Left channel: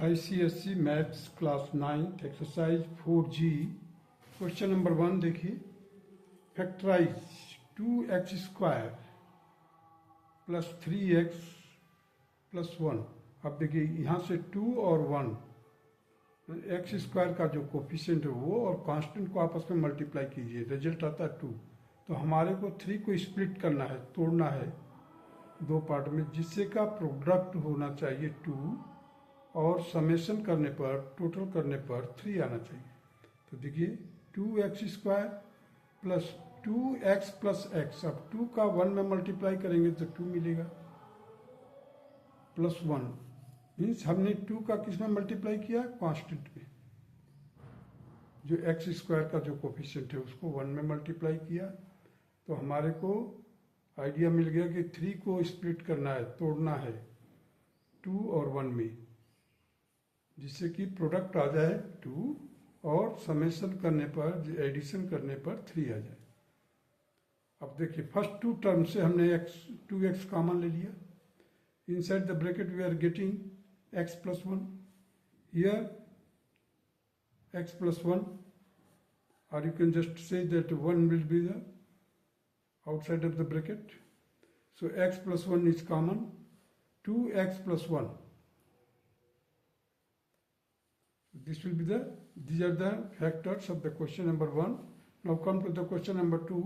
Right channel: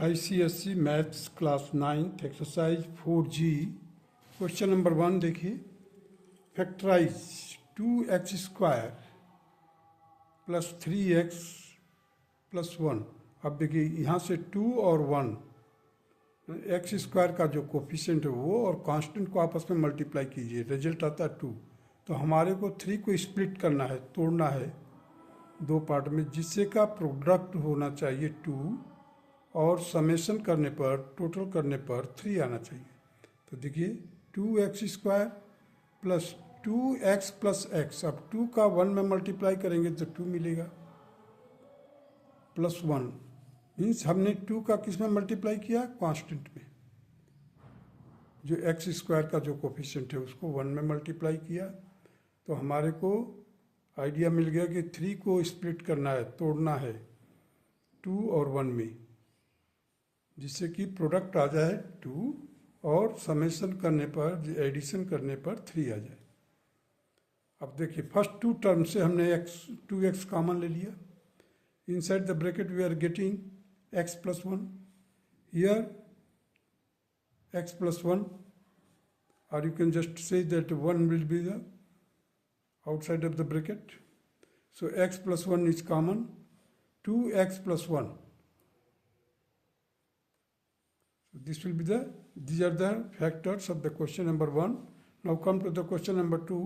ICSE maths class 9 exercise 4G question number 1 देखिए। Factorise 2x square plus 3x plus 1। अब देखिए यहाँ से 2 और 1 एक्स स्क्वायर का जो कोफिशिएंट है वो और कांस्टेंट को आपस में मल्टीप्लाई कीजिए, रिजल्ट आता है 2। तो हमारे को 3 को स्प्लिट करना है, तोड़ना है दो पार्ट में, जिससे का प्रोडक्ट होना चाहिए 2 और समेशन करने पर, टोटल करने पर 3 आना चाहिए। तो देखिए 2x square plus 2x plus x, अब 2 का 1 में मल्टीप्लाई करेंगे तो 2 मिलेगा, प्लस 1 मीन्स हमने 2 का किस में मल्टीप्लाई किया, कांस्टेंट में। जो x स्क्वायर का जो कोफिशिएंट है उसको 1 में मल्टीप्लाई किया, तो हमारे को आइडिया मिल गया कि 3 को स्प्लिट करना है, तोड़ना है 2 और 1 में, जिससे कि प्रोडक्ट आ जाए 2 और समेशन करने पर, एडिशन करने पर 3 आ जाए। अब देखिए फर्स्ट 2 टर्म से हमने 2x कॉमन ले लिया। Inside the bracket we are getting x plus 1, here x plus 1, or you can just say that 1 will be the outside of the bracket. So x plus 1 is common, 2x plus 1. This will be these are the factors of the question number 1. Now come to the question number 2.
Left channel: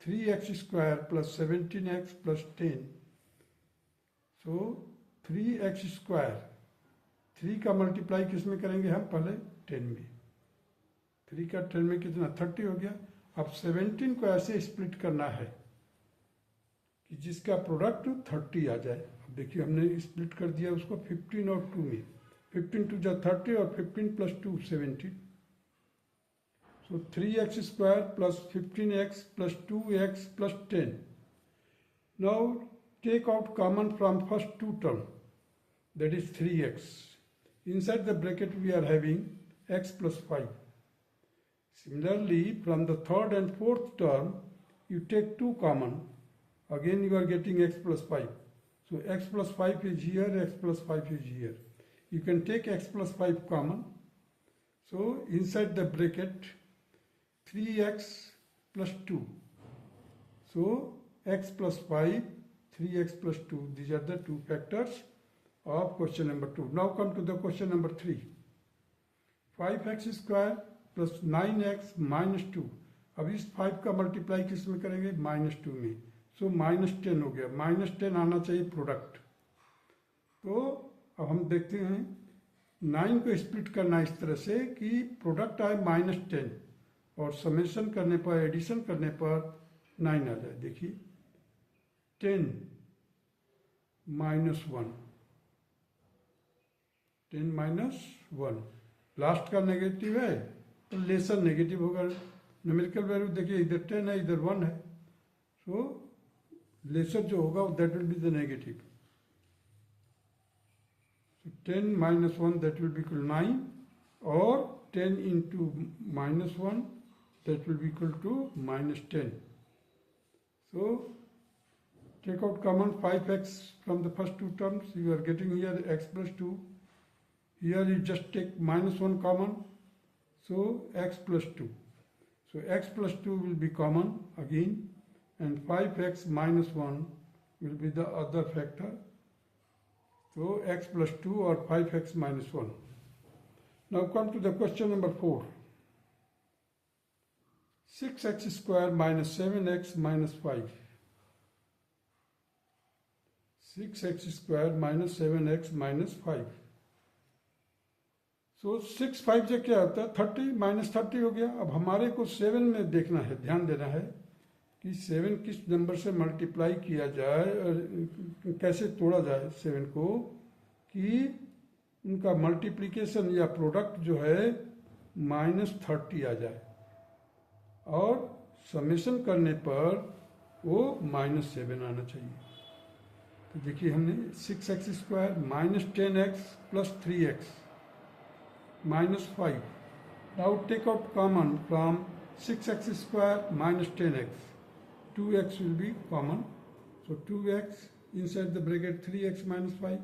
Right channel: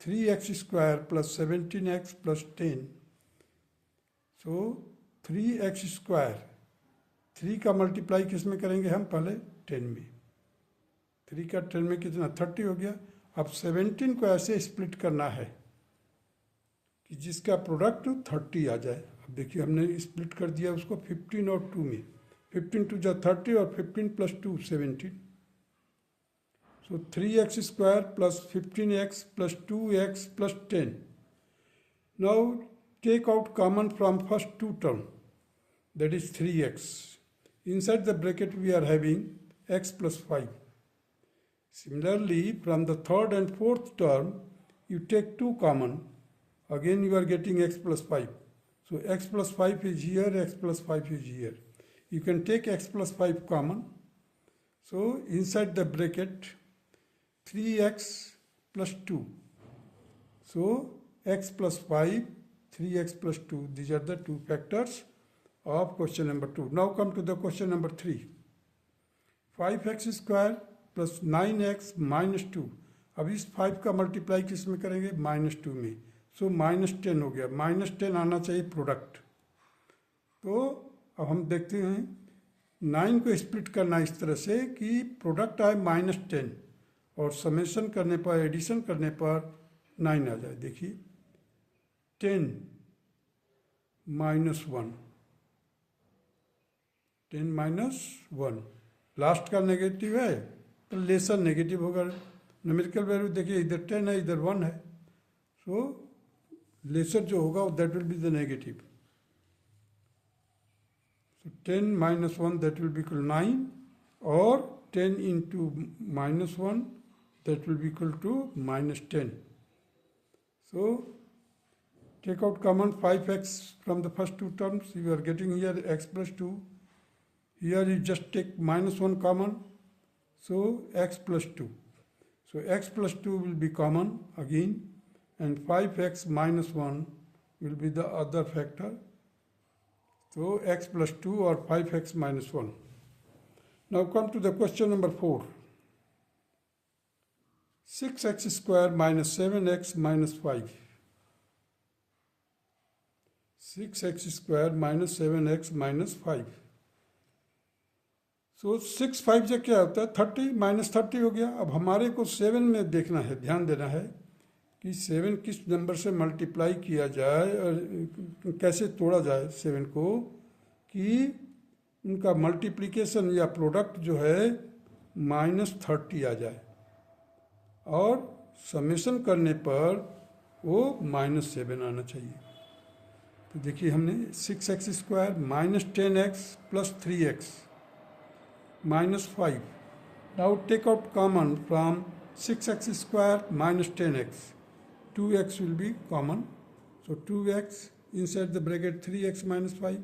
3x square plus 17x plus 10. So 3x square, 3 का multiply किस में करेंगे हम, पहले 10 में। 3 का 10 में कितना, 30 हो गया। अब 17 को ऐसे स्प्लिट करना है कि जिसका प्रोडक्ट 30 आ जाए। अब देखिए हमने स्प्लिट कर दिया उसको 15 और 2 में। 15 टू जा 30 और 15 plus 2 17। So 3x square plus 15x plus 2x plus 10। Now take out common from first 2 term, that is 3x. Inside the bracket we are having x plus 5. Similarly, from the third and fourth term, you take 2 common. Again you are getting x plus 5. So x plus 5 is here, x plus 5 is here. You can take x plus 5 common. So inside the bracket 3x plus 2. So x plus 5, 3x plus 2. These are the two factors of question number 2. Now come to the question number 3. 5x square plus 9x minus 2। अब इस 5 का multiply किस में करेंगे, -2 में। सो -10 हो गया, -10 आना चाहिए प्रोडक्ट। तो अब हम देखते हैं 9 को स्प्लिट करना इस तरह से कि प्रोडक्ट आए -10 और समेशन करने पर, एडिशन करने पर 9 आ जाए। देखिए 10 -1, 10 -1, लास्ट का नेगेटिव है तो लेसर नेगेटिव होगा। न्यूमेरिकल वैल्यू देखिए इधर 10 है, इधर 1 है, सो लेसर जो होगा that will be the negative. So 10 -1 that will be equal 9 और 10 into -1 that will be equal to -10। So take out common 5x from the first 2 terms, you are getting here x plus 2. Here you just take -1 common. So x plus 2. So x plus 2 will be common again, and 5x minus 1 will be the other factor. So x plus 2 or 5x minus 1. Now come to the question number 4. 6x square minus 7x minus 5. 6x square minus 7x minus 5. सो 6 5 से क्या होता है, 30 -30 हो गया। अब हमारे को 7 में देखना है, ध्यान देना है कि 7 किस नंबर से मल्टीप्लाई किया जाए और कैसे तोड़ा जाए 7 को, कि उनका मल्टीप्लिकेशन या प्रोडक्ट जो है -30 आ जाए और समेशन करने पर वो -7 आना चाहिए। तो देखिए हमने 6x square -10x plus 3x minus 5. Now take out common from 6x square minus 10x. 2x will be common. So 2x inside the bracket 3x minus 5.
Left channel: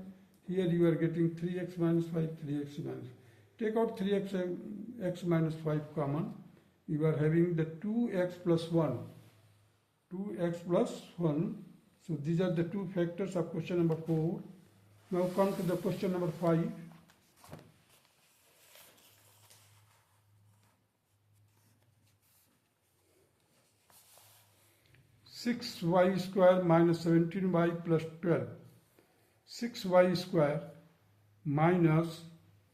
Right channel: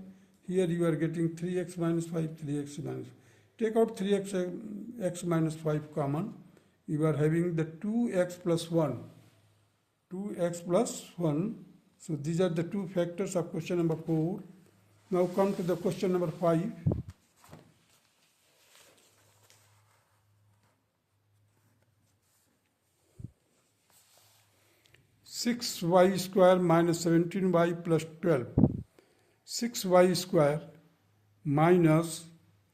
Here you are getting 3x minus 5, 3x minus. Take out 3x minus 5 common. You are having the 2x plus 1. 2x plus 1. So these are the two factors of question number 4. Now come to the question number 5. Six y square minus 17y plus 12. 6y square minus,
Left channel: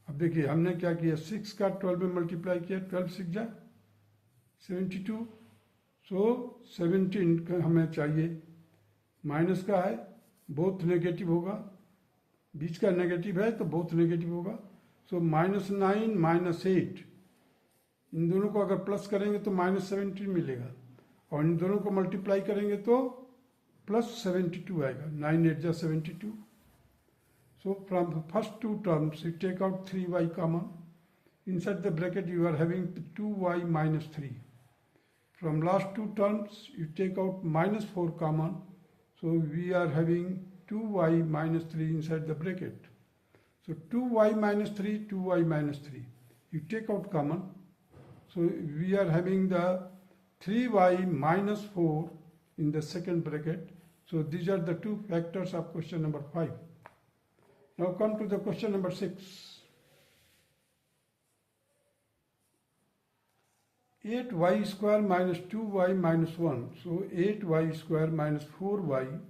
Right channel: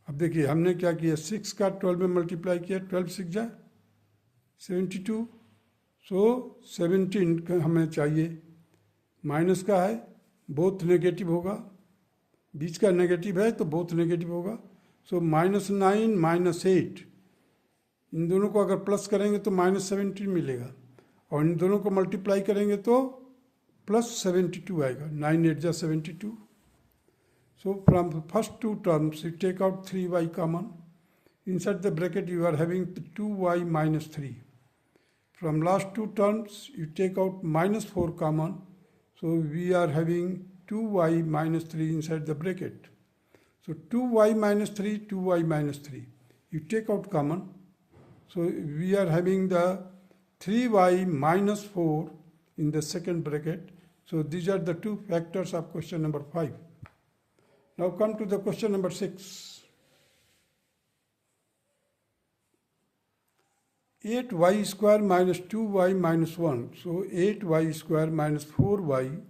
अब देखिए हमने क्या किया, 6 का 12 में multiply किया, 12 6 जा 72, सो 17 हमें चाहिए, माइनस का है, बोथ नेगेटिव होगा, बीच का नेगेटिव है तो बोथ नेगेटिव होगा, सो -9 -8, इन दोनों को अगर प्लस करेंगे तो -17 मिलेगा, और इन दोनों को मल्टीप्लाई करेंगे तो +72 आएगा, 9 8 जा 72. So from the first two terms, you take out 3y common. Inside the bracket, you are having 2y minus 3. From last two terms, you take out minus 4 common. So we are having 2y minus 3 inside the bracket. So 2y minus 3, 2y minus 3. You take out common. So we are having the 3y minus 4 in the second bracket. So these are the two factors of question number 5. Now come to the question number 6. 8y square minus 2y minus 1. So 8y square minus 4y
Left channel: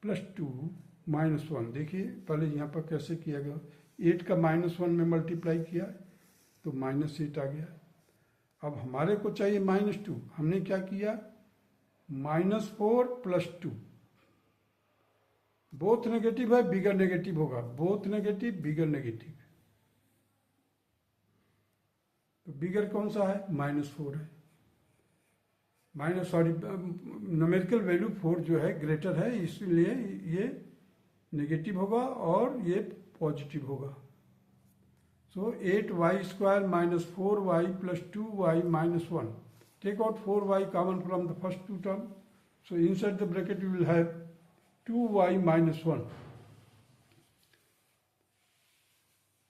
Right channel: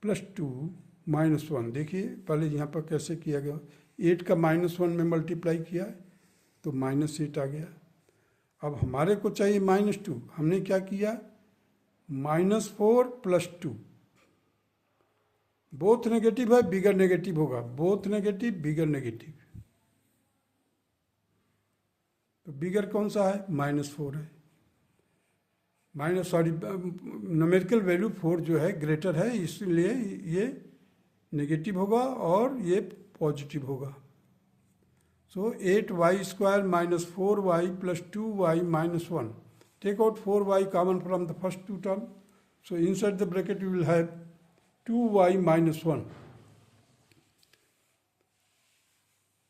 plus 2 minus 1. देखिए पहले यहाँ पर कैसे किया गया, 8 का -1 में multiply किया तो -8 आ गया. अब हमारे को चाहिए -2. हमने क्या किया, -4 plus 2. बोथ नेगेटिव है, बिगर नेगेटिव होगा, बोथ नेगेटिव बिगर नेगेटिव, तो बिगर कौन सा है, -4 है, न्यूमेरिकल वैल्यू 4 जो है ग्रेटर है, इसलिए ये नेगेटिव होगा और ये पॉजिटिव होगा. So 8y square minus 4y plus 2y minus 1. Take out 4y common from the first two term. So inside the bracket you will have 2y minus 1.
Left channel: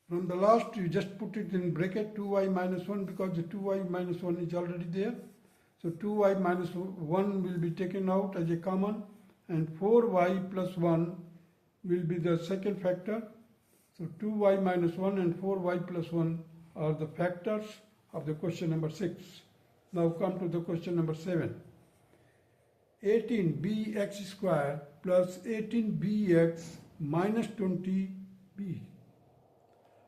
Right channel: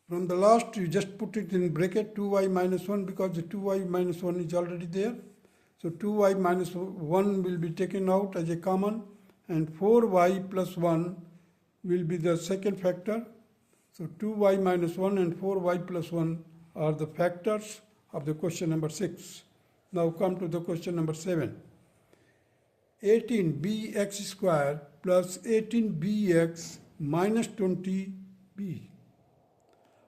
From the last, you just put it in bracket 2y minus 1 because the 2y minus 1 is already there. So 2y minus 1 will be taken out as a common, and 4y plus 1 will be the second factor. So 2y minus 1 and 4y plus 1 are the factors of the question number 6. Now come to the question number 7. 18bx square plus 18bx minus 20b.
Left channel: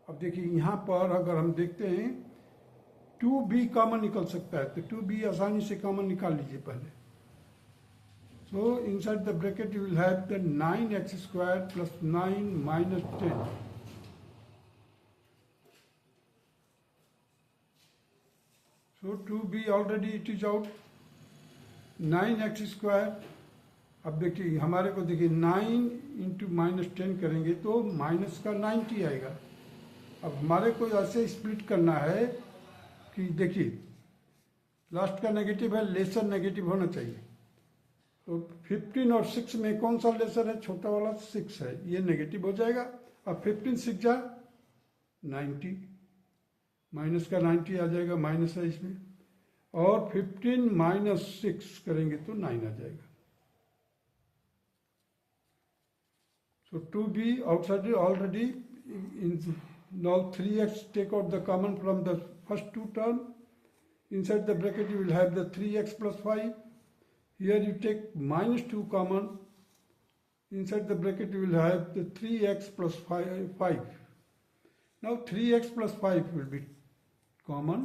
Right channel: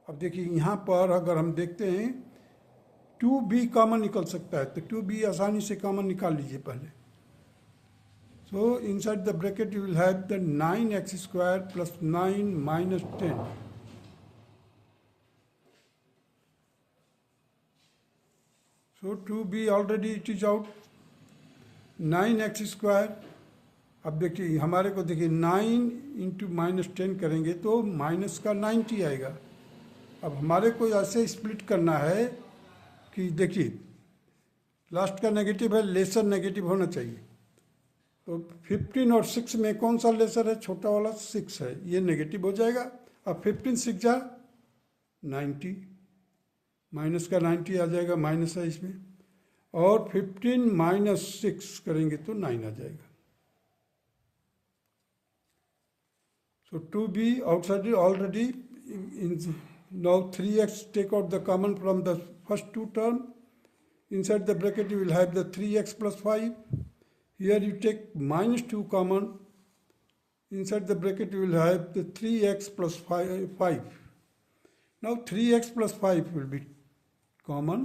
अब देखिए यहाँ पर अगर हम देखते हैं 2b common निकल सकता है, तो 2b आसानी से कॉमन निकाल लीजिए पहले. सो inside the bracket you will have the 9x square plus 9 minus 10. So 2b already it is out. 9x square, अब देखिए हमारे को देखिए 9 इंटू -10 करेंगे तो माइनस का 90 आएगा. अब हमारे को ऐसे स्प्लिट करना है कि देखिए लास्ट का नेगेटिव है, लेसर नेगेटिव होना चाहिए. तो 15 और 6 में कौन सा लेसर है, छोटा वाला 6 है, ये नेगेटिव हो जाएगा. अब 15 6 जा 90, माइनस का 90 आ जाएगा, माइनस है इसमें, और 15 माइनस 6 करेंगे तो 9 आ जाएगा. So 2b outside already in, now 3x, take out the common from the first two term. Inside the bracket you will have the 3x plus 5. Here you take -2 common. Inside the bracket you will have the 3x plus 5. Now 3x plus 5 will be common,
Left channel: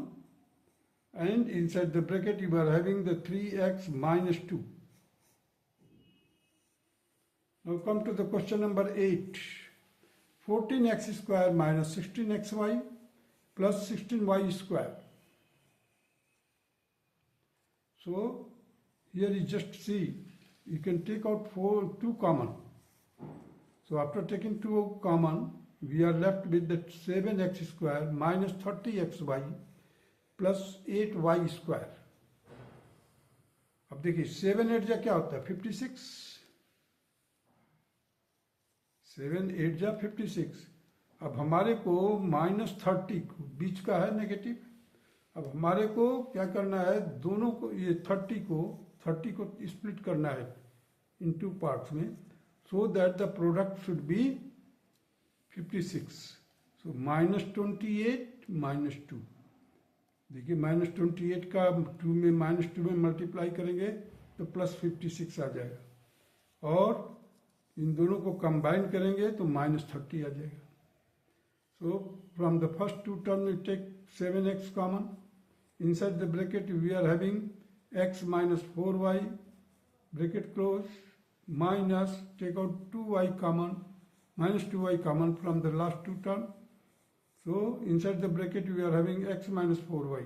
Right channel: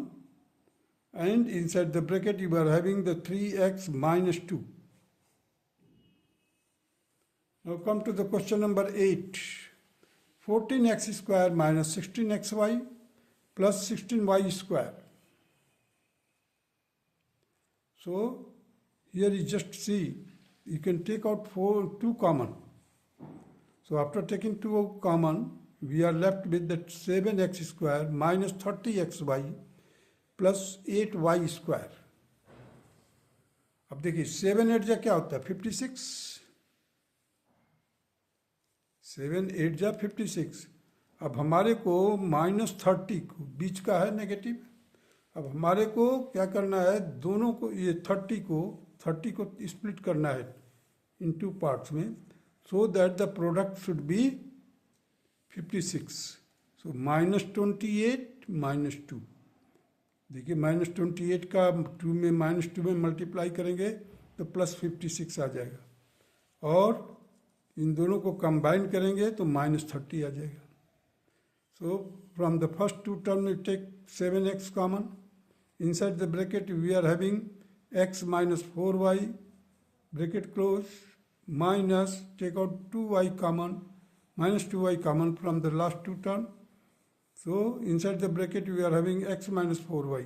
and inside the bracket you are having the 3x minus 2. Now come to the question number 8. 14x square minus 16xy plus 16y square. So here you just see, you can take out 2 common. So after taking 2 common, we are left with that 7x square minus 30xy plus 8y square. अब देखिए 7 8 जा क्या होता है 56, 7 8 जा 56। अब हमारे को -30 बीच का है नेगेटिव। अब हमारे को क्या करना है, दोनों को ये 30 को स्प्लिट करना है इन टू पार्ट्स में, so that the product should be 56। सो -28 -2। देखिए -28 का 2 में -2 में मल्टीप्लाई करेंगे तो +56 आ जाएगा, और इन दोनों को कंबाइन करेंगे तो -30 आ जाएगा। So from the first two terms we take 7x common. Inside the bracket we are having x minus 4y, bracket close, minus, take out 2y common, minus 2y common from the last two terms. So inside the bracket we are having x minus 4y.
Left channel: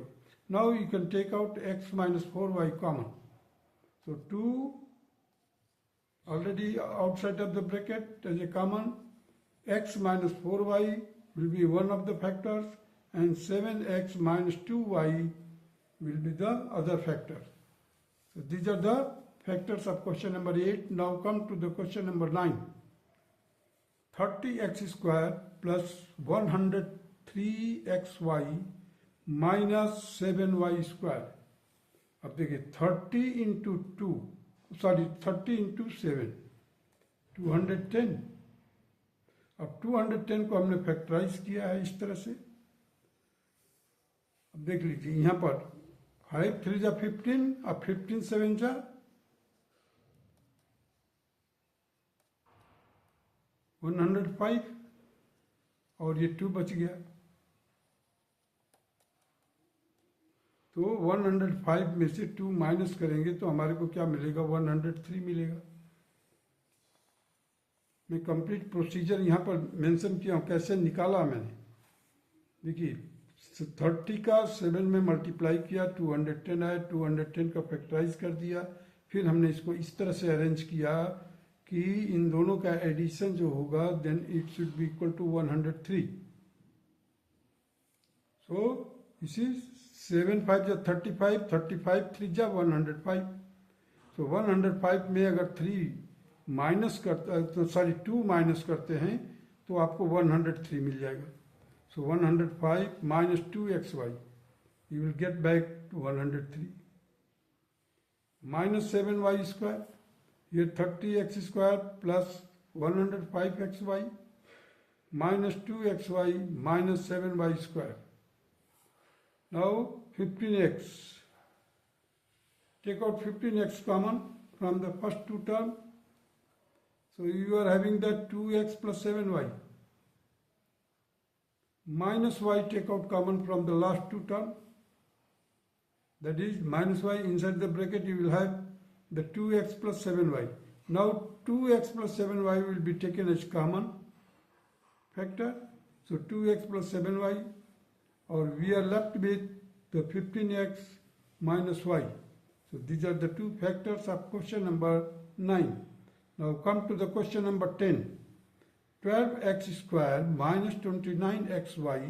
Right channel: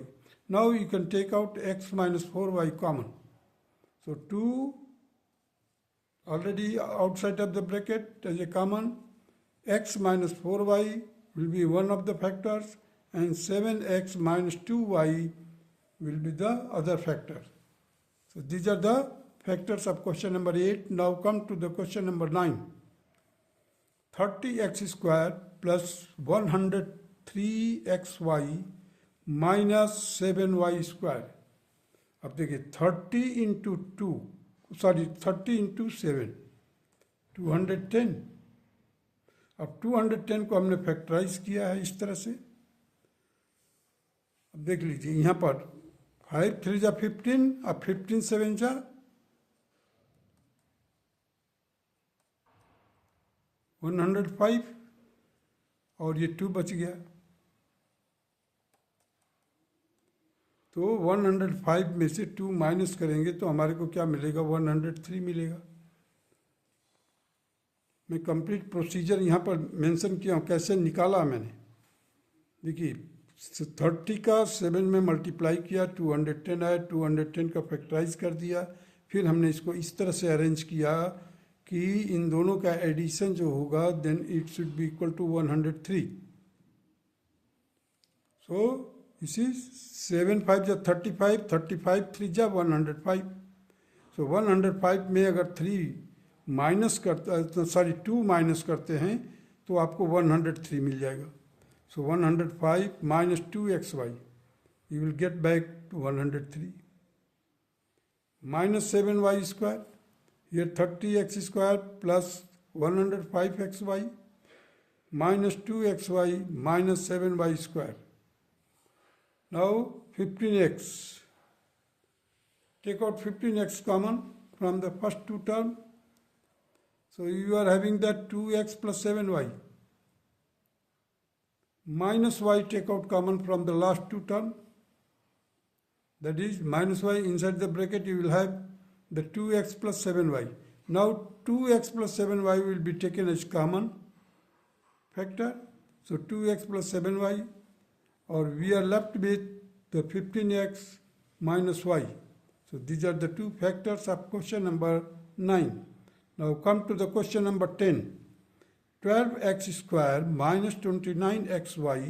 Now you can take out x minus 4y common. So 2 already outside of the bracket as a common, x minus 4y will be one of the factors, and 7x minus 2y will be the other factor. So these are the factors of question number 8. Now come to the question number 9. 30x square plus 103xy minus 7y square. अब देखिए 30 into 7, 210। अब 210 को हमने factorise किया है इस तरह से। अब देख लीजिए यहाँ पर 5 3 जा 15, अब 15 7 जा 105, और ये 2 बच गया। तो 105 में से 2 माइनस करेंगे तो हमारे को क्या मिलेगा, 103 मिलेगा। मैं कंप्लीट प्रोसीजर यहाँ पर मेंशन किया हूँ, कैसे निकाला मैंने। देखिए 30 का 7 में मल्टीप्लाई किया, 210 आया, 210 का फैक्टराइज कर दिया। फिर हमने इसको इस तरह से अरेंज किया कि इन दोनों का एडिशन जो होगा then it should be equal to 103। So this is 7 5 जा 35, 35 3 जा 105। सो 105 में अगर 3 माइनस करता है तो 2 माइनस करते हैं तो आपको 103 मिल जाएगा। सो 105 minus 2xy, you will get back to 103. Minus 7y square, here 30x square plus 105xy minus 2xy minus 7y square. Now 15x, take out 15x common from the first two terms. So you are having that 2x plus 7y. Minus y take out common from the last two terms. That is minus y inside the bracket you will have the 2x plus 7y. Now 2x plus 7y will be taken as common factor. So 2x plus 7y, or we are left with the 15x minus y. So these are the two factors of question number 9. Now come to the question number 10. 12x square minus 29xy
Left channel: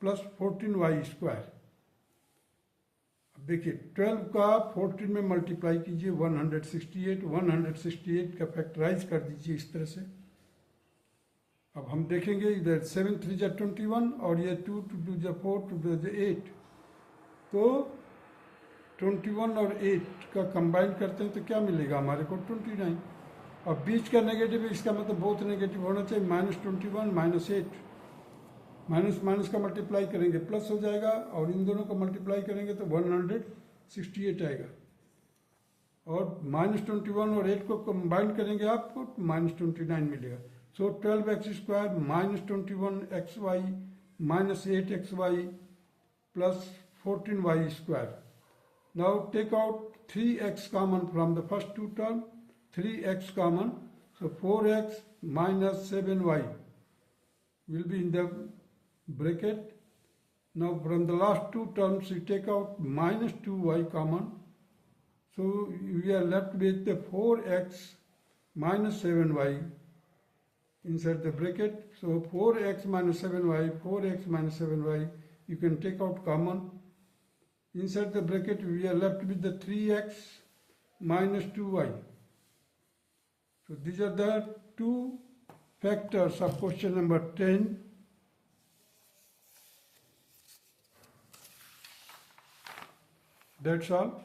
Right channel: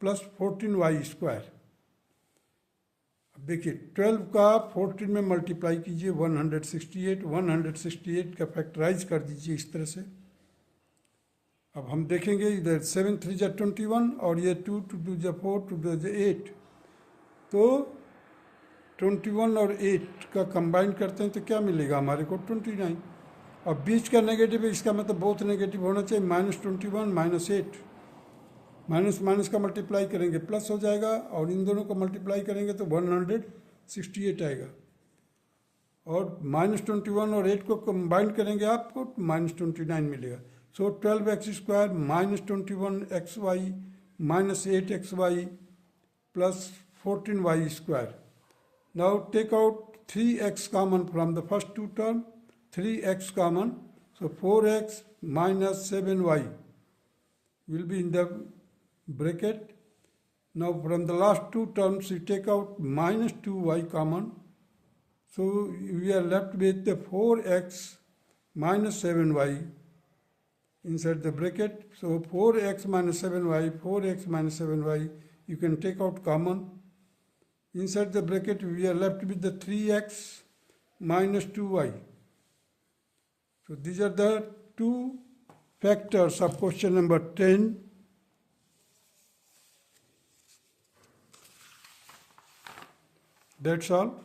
plus 14y square. अब देखिए 12 का 14 में multiply कीजिए 168 का factorise कर दीजिए इस तरह से। अब हम देखेंगे इधर 7 3 जा 21, और ये 2 2 जा 4 2 जा 8। तो 21 और 8 का कंबाइन करते हैं तो क्या मिलेगा हमारे को, 29। अब बीच का नेगेटिव है, इसका मतलब बहुत नेगेटिव होना चाहिए। -21 -8, माइनस माइनस का मल्टीप्लाई करेंगे प्लस हो जाएगा, और इन दोनों को मल्टीप्लाई करेंगे तो 168 आएगा। और -21 और 8 को कंबाइन करेंगे आपको -29 मिलेगा। So 12x square -21xy -8xy plus 14y square. Now take out 3x common from the first two term, 3x common, so 4x minus 7y will be in the bracket. Now from the last two terms we take out minus 2y common, so we are left with the 4x minus 7y inside the bracket. So 4x minus 7y, 4x minus 7y, you can take out common. Inside the bracket we are left with the 3x minus 2y. So these are the two factors of question number 10. That's all.